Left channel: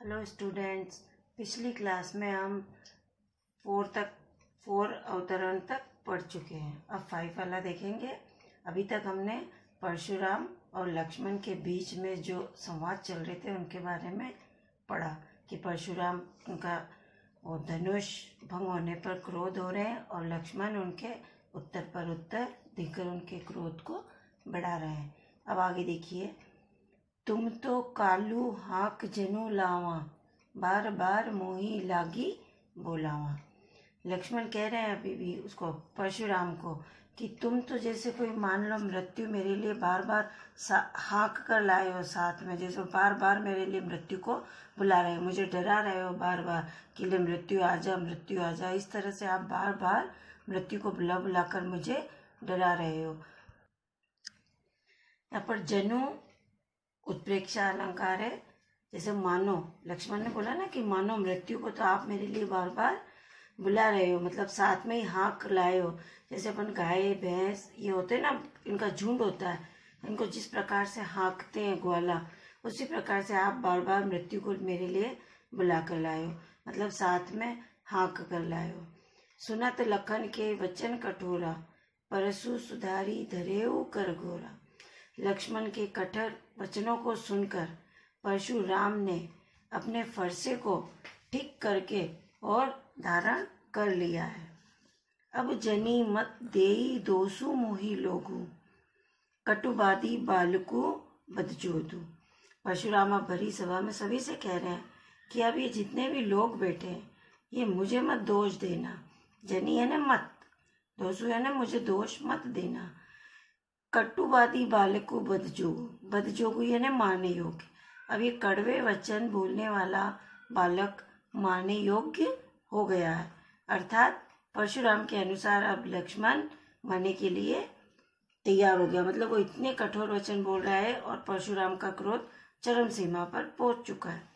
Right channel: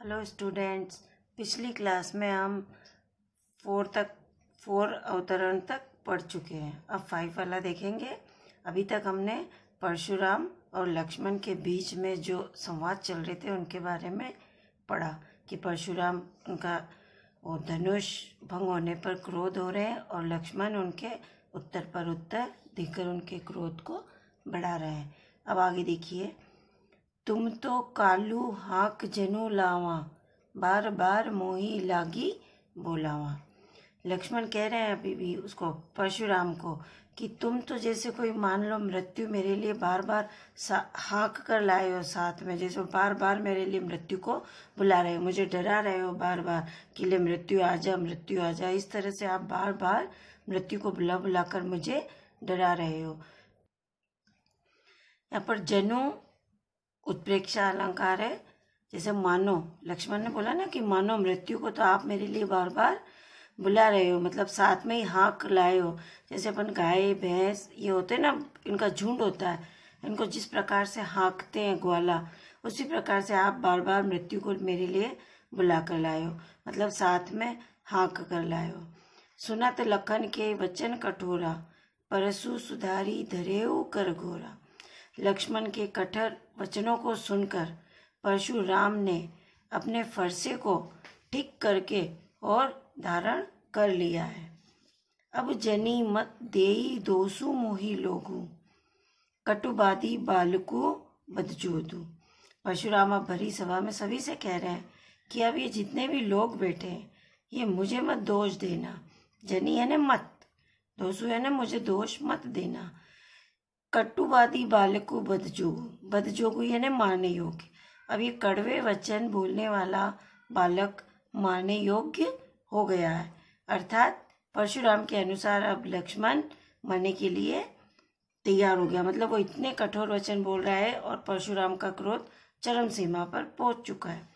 Hello students, पिछली class में हम 4 अवतरण तक पढ़ चुके हैं। अब 5 वाला देखेंगे। अभी तक हमने परशुराम और लक्ष्मण के बीच में जो संवाद चल रहे थे उनके बारे में पढ़ा कि परशुराम उनका वो धनुष भंग होने पर क्रोध हो रहे हैं और लक्ष्मण उनके उत्तर पर उत्तर देकर उनके क्रोध को बढ़ा रहे हैं। अब आगे देखिए, तुम तो कालू हाक जनु लावा, बार बार मोही लागी बोलावा। लक्ष्मण कह रहे हैं अभी भी उसको, परशुराम को, कि तुम तो जैसे कोई मान लो मृत्यु मेरे लिए बार बार हाँक कर लाए हो, साथ में जैसे बार बार मेरे लिए मृत्यु को बुला रहे हो, मुझे डरा रहे हो बार बार कि ले मृत्यु आ जा, मृत्यु आ जा। इस तरह से आप बार बार मृत्यु को बुला बुला कर मुझे डरा रहे हो। यहाँ पर जनु उत्प्रेक्षा अलंकार है। जैसे मानो, लक्ष्मण ने बोला ना कि मानो मृत्यु को तो आप मेरे लिए बार बार बुला रहे हो, मतलब साथ में ही हाँक लाए हो। जैसे अपन गाय भैंस ये होते हैं ना, इनका झुंड होता है, इनको जिस प्रकार से हाँकते हैं ग्वाला, उसी प्रकार से आप बार बार मृत्यु को मेरे लिए बुला कर लाए हो, मतलब साथ में हाँक कर लाए हो। सुनत लखन के वचन कठोरा, परसु सुधारी धरेऊ कर घोरा। लक्ष्मण के कठोर वचनों को सुनकर परशुराम ने अपने फरसे को ठीक करके और धारण कर लिया है। अब जनी मत देई दोसु मोही लोगु, कटुबादी बालकु बदजोदू। परशुराम अब भरी सभा में सभी से कह रहे हैं कि अब ये जितने भी लोग बैठे हैं ये मुझे मत दोष देना। जनी यानी मत, दोसु यानी मुझे दोष मत देना। कटुवादी बालकु बदजोगु, बदजोगु यानी मारने योग्य। अब ये कड़वे वचन बोलने वाला बालक मारने योग्य हो गया है, अर्थात परशुराम के अनुसार अब लक्ष्मण मरने के लिए तैयार हो गया। मतलब वो इतने कठोर वचन बोल रहा है और परशुराम का क्रोध चरम सीमा पर पहुंच चुका है।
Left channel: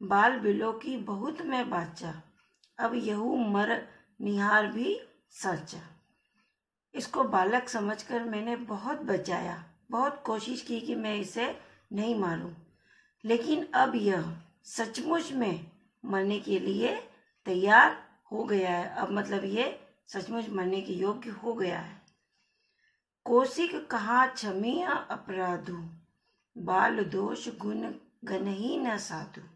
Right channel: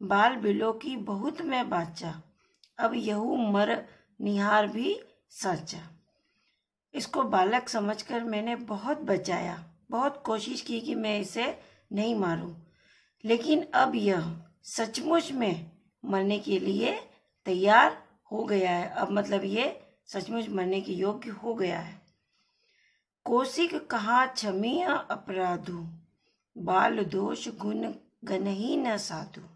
बाल बिलो की बहुत मैं बाचा, अब यहू मर निहार भी साचा। इसको बालक समझकर मैंने बहुत बचाया, बहुत कोशिश की कि मैं इसे नहीं मारूं, लेकिन अब यह सचमुच में मरने के लिए तैयार हो गया है। अब मतलब ये सचमुच मरने के योग्य हो गया है। कौशिक कहा क्षमीय अपराधु, बाल दोष गुण गनही न साधु।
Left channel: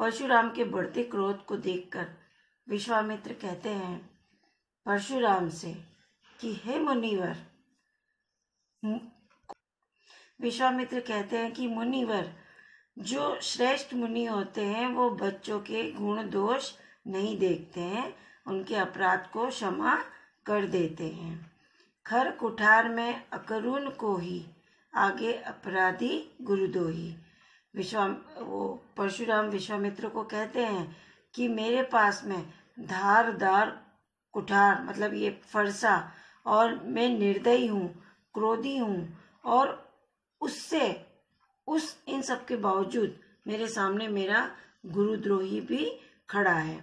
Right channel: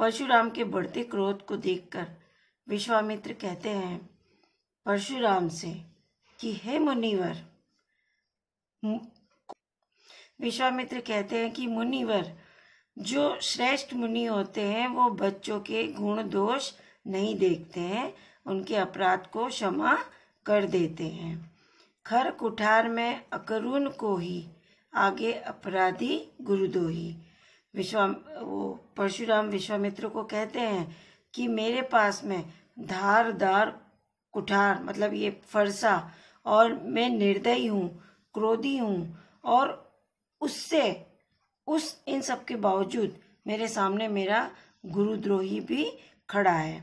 परशुराम के बढ़ते क्रोध को देखकर विश्वामित्र कहते हैं परशुराम से कि हे मुनिवर, विश्वामित्र कहते हैं कि मुनिवर, जो श्रेष्ठ मुनि होते हैं वो बच्चों के गुण दोष नहीं देखते हैं, उनके अपराध को क्षमा कर देते हैं। खर कुठार में अकरुण को ही, आगे अपराधी गुरुदोही। परशुराम विश्वामित्र को कहते हैं कि मेरे पास में धारदार कुठार मतलब ये फरसा, और मैं निर्दयी हूँ, क्रोधी हूँ, और इन सब के बावजूद मेरे सामने मेरा गुरुद्रोही भी खड़ा है।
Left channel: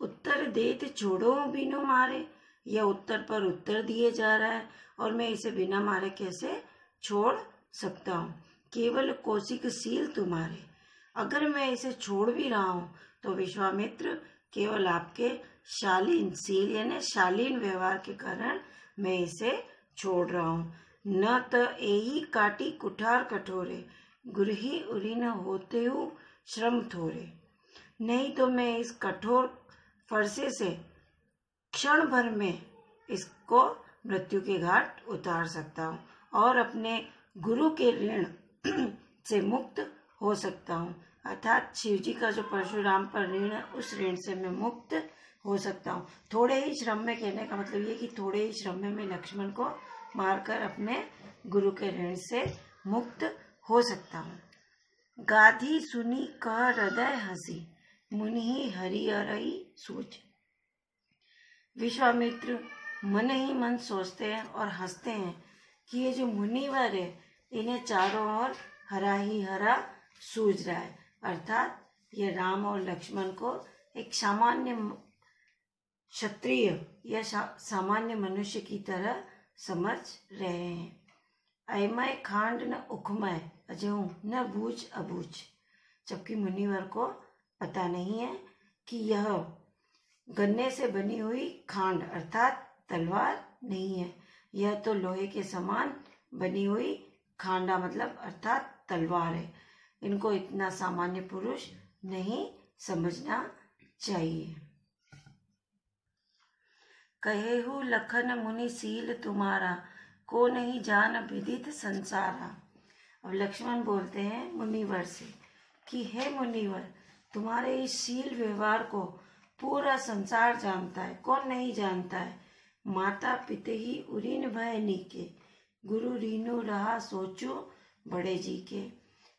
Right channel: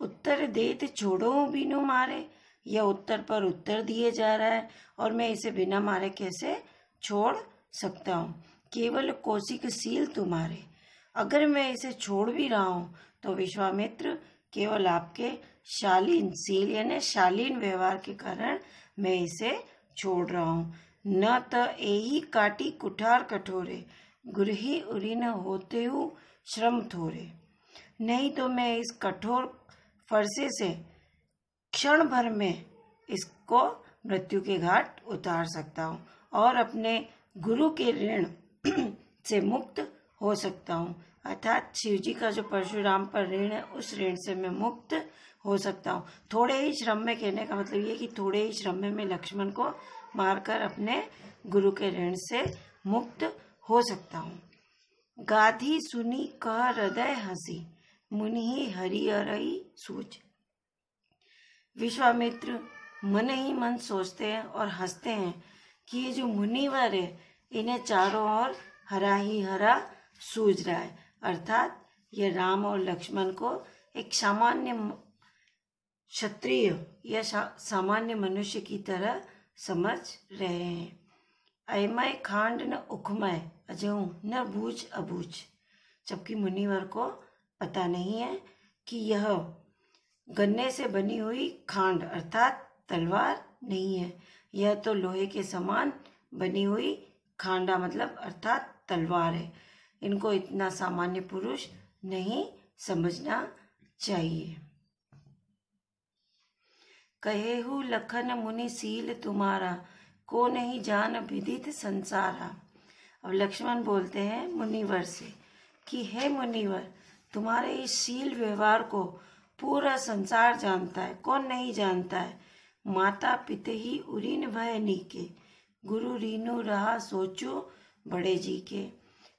उत्तर देत छोड़ो बिनु मारे, यह उत्तर पर उत्तर दिए जा रहा है और मैं इसे बिना मारे कैसे छोड़ सकता हूँ। केवल कौशिक सील तुम्हारे, अगर मैं इसे छोड़ भी रहा हूँ तो विश्वामित्र केवल आपके शालीन, सील यानी शालीन व्यवहार के कारण मैं इसे छोड़ रहा हूँ। न त एही काटी कुठार कठोरे, गुरही उरी न होते हु श्रम थोरे। नहीं तो मैं इस कठोर फरसे से क्षण भर में इसको मृत्यु के घाट उतार सकता हूँ और अपने गुरु के ऋण से मुक्त हो सकता हूँ। अर्थात शिव जी का जो परशुराम पर ऋण है उस ऋण से मैं मुक्त हो सकता हूँ। थोड़े ही श्रम में, कहने का मतलब ये कि थोड़े ही श्रम में मैं लक्ष्मण को मारकर अपने गुरु के ऋण से मुक्त हो सकता हूँ। गाधी सुनी कह हृदय हंसी, मुनि हरि हरई सोच। विश्वामित्र मन ही मन सोचते हैं और हंसते हैं कि ये जो मुनिवर है इन्हें चारों ओर हरा ही हरा सूझ रहा है, अर्थात ये राम और लक्ष्मण को एक सामान्य क्षत्रिय या सामान्य मनुष्य की तरह समझ रहे हैं। अयमय खांड न उखमय अजहू न बूझ अबूझ। जबकि मुनिवर को पता नहीं है कि यह गन्ने से बनी हुई खांड अर्थात तलवार नहीं है, यह तो लोहे के समान बनी हुई खांडा मतलब अर्थात तलवार है। इनको इतना सामान्य पुरुष नहीं समझना चाहिए। कहेहु लखन मुनि सील तुम्हारा, को नहीं जान विदित संसारा। अब लक्ष्मण बोलते हैं मुनिवर से कि हे मुनिवर, तुम्हारे इस शील व्यवहार को पूरा संसार जानता है, कौन नहीं जानता है। माता पिते ही उरीन भय नीके, गुरु रीनु रहा सोचो बड़े जी के।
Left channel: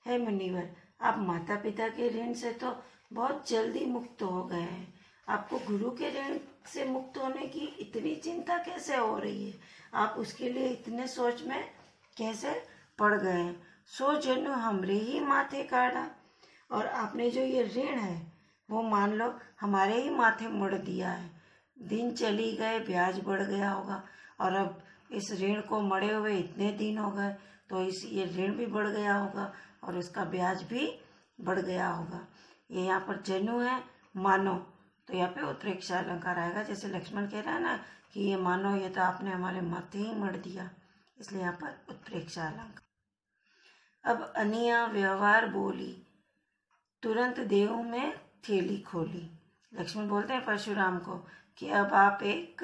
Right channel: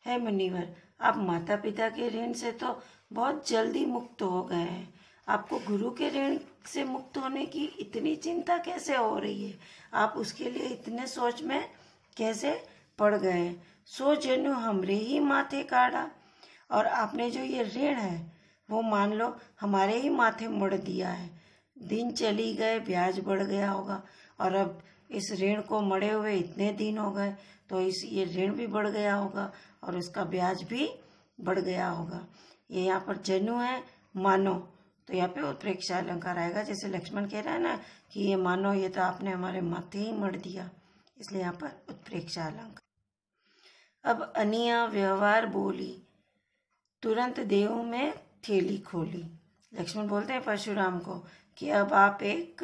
हे मुनिवर, आप माता पिता के ऋण से तो बहुत जल्दी मुक्त हो गए हैं, आपको गुरु के ऋण से मुक्त होने की इतनी चिंता कैसे हो रही है, आप उसके लिए इतने सोच में कैसे पड़ गए हैं। सो जनु हमरे ही माथे काढ़ा, और आपने जो ये ऋण है वो मान लो हमारे ही माथे मढ़ दिया है। दिन चली गए, ब्याज बढ़ गया होगा, और अब इस ऋण को मढ़े हुए इतने दिन हो गए, तो ये ऋण भी बढ़ गया होगा और उसका ब्याज भी बढ़ गया होगा। ये यहाँ पर जनु है, मानो, तो यहाँ पे उत्प्रेक्षा अलंकार आएगा। जैसे लक्ष्मण कह रहा है ना कि ये मानो, ये तो आपने हमारे माथे ही मढ़ दिया, इसलिए यहाँ पर उत्प्रेक्षा अलंकार। अब अनिया व्यवहार बोली, तुरंत देव में थैली खोली। लक्ष्मण बोलते हैं परशुराम को कि अब आप एक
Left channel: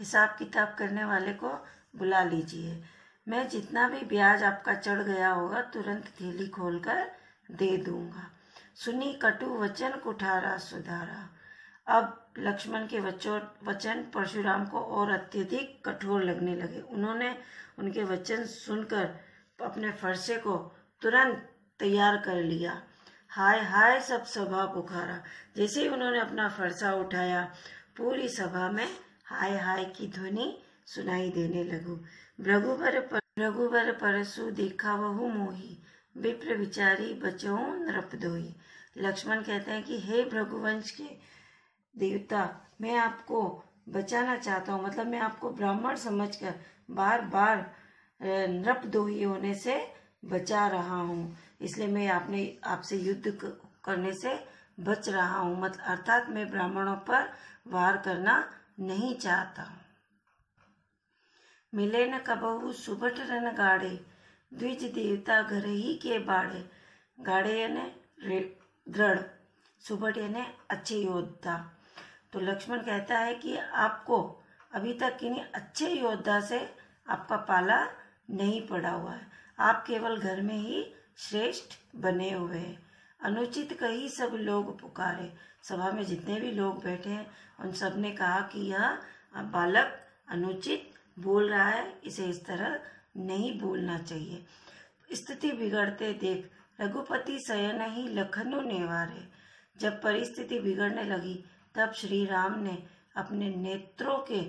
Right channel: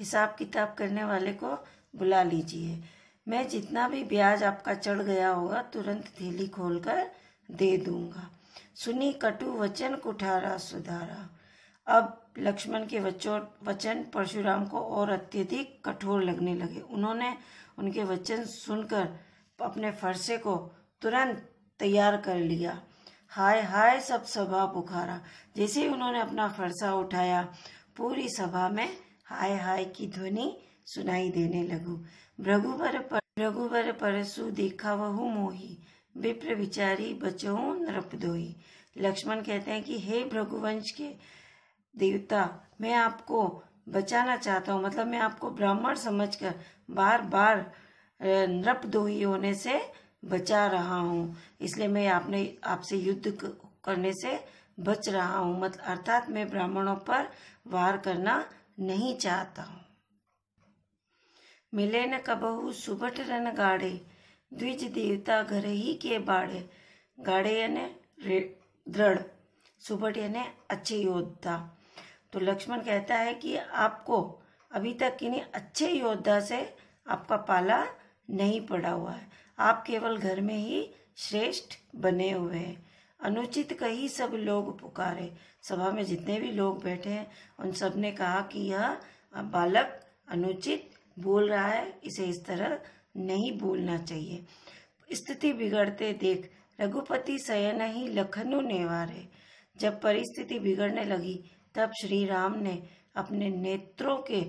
हिसाब किताब करने वाले को बुला लीजिए, मैं जितना भी ब्याज आपका चढ़ गया होगा तुरंत थैली खोलकर दे दूंगा। सुनी कटु वचन कुठारा सुधारा। अब लक्ष्मण के वचन परशुराम को और अत्यधिक कठोर लगने लगे। उन्होंने उनके वचन सुनकर अपने फरसे को तुरंत तैयार कर लिया। हाय हाय सब सभा पुकारा। जैसे ही उन्होंने अपना फरसा उठाया, पूरी सभा में हाय हाय की ध्वनि सुनाई देने लगू। भृगुबर परसु देखा वहु मोही, विप्र विचारी बचहु नृपदोही। लक्ष्मण कहते हैं कि हे भृगुवंश के देवता, मैं आपको बचाना चाहता हूँ, मतलब मैं आपको ब्राह्मण समझकर बार बार नृपदोही होने से बचा रहा हूँ, इसलिए मैं आपसे युद्ध करने से बच रहा हूँ, मतलब अर्थात मैं ब्राह्मणों पर वार करना नहीं चाहता हूँ। मिले न कबहु सुबट रन गाड़े, द्विज देवता घर ही के बाड़े। गाड़े यानी दृढ़, सुबट यानी अच्छे योद्धा। तो लक्ष्मण कहता है कि आपको अभी तक किन्हीं अच्छे योद्धा से आपका पाला नहीं पड़ा हुआ है, आप केवल घर में ही श्रेष्ठ बने हुए हैं। अनुचित कही सब लोग पुकारे। सभा में जितने भी लोग बैठे हैं उन सब ने कहा कि यह बालक अनुचित बोल रहा है, इसे इस तरह नहीं बोलना चाहिए। स्थिति बिगड़ते देख रघुपति शयन ही लखनु नेवारे। जब परिस्थिति बिगड़ने लगी तब श्री राम ने अपने नेत्रों के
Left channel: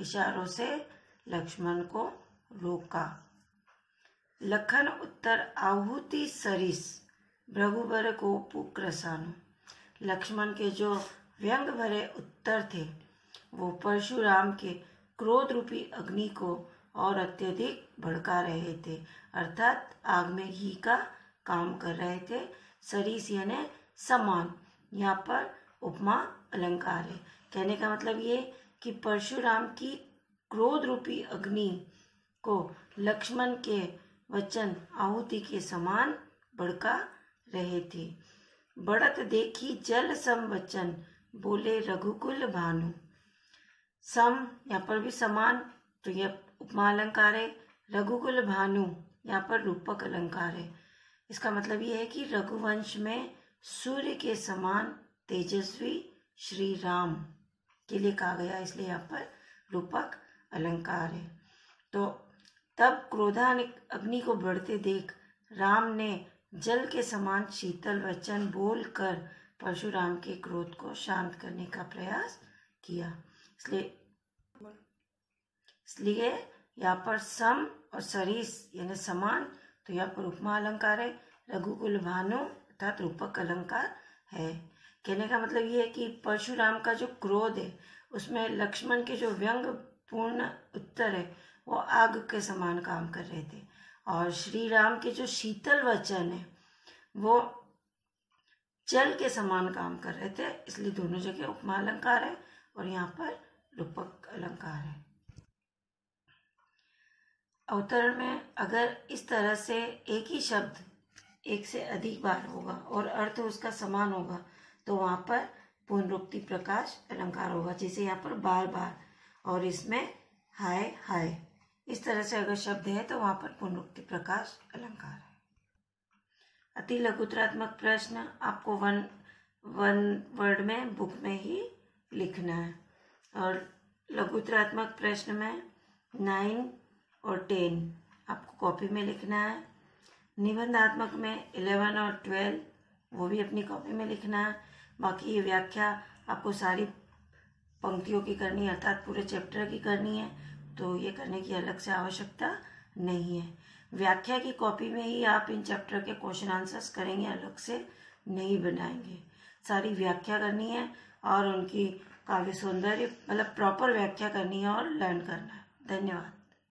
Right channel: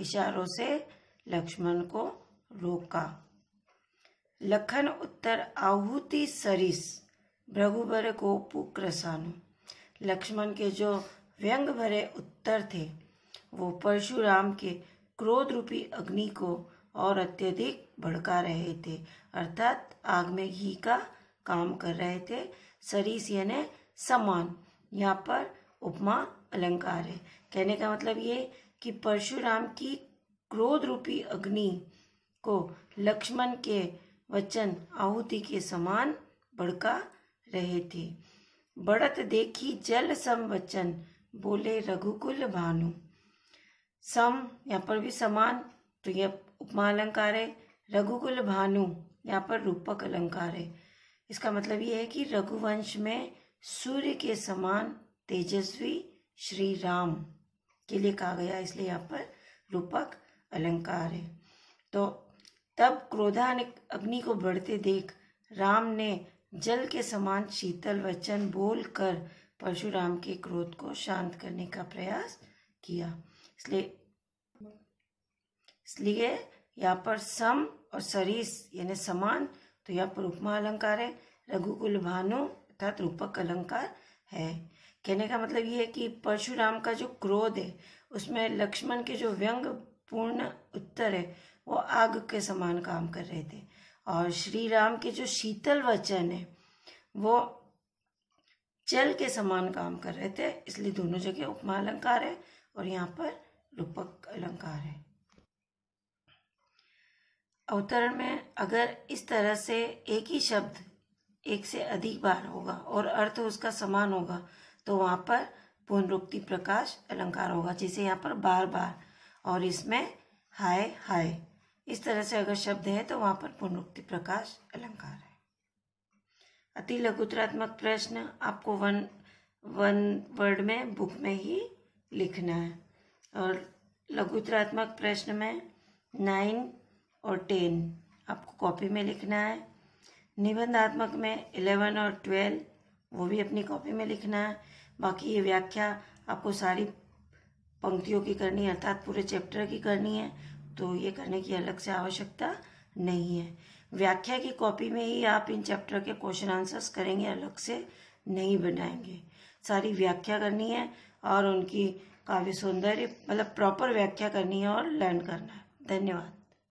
इशारों से लक्ष्मण को रोका। लखन उत्तर आहुति सरिस, भृगुबर को पुक्रसानु। लक्ष्मण के जो व्यंग भरे उत्तर थे वो परशुराम के क्रोध रूपी अग्नि को और अत्यधिक भड़का रहे थे, अर्थात आग में घी का काम कर रहे थे। सरिस यानी समान, यहाँ पर उपमा अलंकार है। कहने का मतलब ये कि परशुराम की क्रोध रूपी अग्नि को लक्ष्मण के वचन आहुति के समान भड़का रहे थे। बढ़त देखी जल सम वचन, बोले रघुकुल भानु। सम यहाँ पर भी समान, तो यह उपमा अलंकार है। रघुकुल भानु यहाँ पर रूपक अलंकार है। इसका मतलब ये है कि रघुवंश में सूर्य के समान तेजस्वी श्री राम के लिए कहा गया, इसलिए यहाँ पर रूपक अलंकार है। तो तब क्रोधान्वित अग्नि को बढ़ते देख राम ने जल के समान शीतल वचन बोलकर परशुराम के क्रोध को शांत करने का प्रयास किया। इसलिए यहाँ पर सम और सरिस यानी समान, तो यहाँ पर उपमा अलंकार है। रघुकुल भानु अर्थात रूपक अलंकार है। कहने का मतलब ये है कि परशुराम का जो क्रोध है उसमें लक्ष्मण के जो व्यंग पूर्ण उत्तर है वो आग के समान काम कर रहे थे, और श्री राम के जो शीतल वचन है वो जल के समान काम कर रहे थे, इसलिए दोनों जगह उपमा अलंकार है और यहाँ पर रूपक अलंकार है। अवतरण में अगर इस तरह से एक ही शब्द एक से अधिक बार होगा और अर्थ उसका समान होगा तो वहाँ पर पुनरुक्ति प्रकाश अलंकार होगा, जैसे यहाँ पर बार बार और इसमें हाय हाय। इस तरह से अगर शब्द है तो वहाँ पर पुनरुक्ति प्रकाश अलंकार है। अति लघुत्रात्मक प्रश्न आपको वन वर्ड में बुक में ही लिखना है और लघुत्रात्मक प्रश्न में 9 और 10 आपको कॉपी में लिखना है। निबंधात्मक में 11 और 12 वो भी अपनी कॉपी में लिखना है। बाकी ये व्याख्या आपको सारी पंक्तियों की करनी है, अर्थात पूरे चैप्टर की करनी है, तो ये करने की अलग से आवश्यकता नहीं है। व्याख्या की कॉपी में ही आप इन चैप्टर के क्वेश्चन आंसर्स करेंगे, अलग से नहीं बनाएंगे। सारी व्याख्या करनी है और उनकी काव्य सौंदर्य मतलब प्रॉपर व्याख्या करनी है और लर्न करना है। धन्यवाद।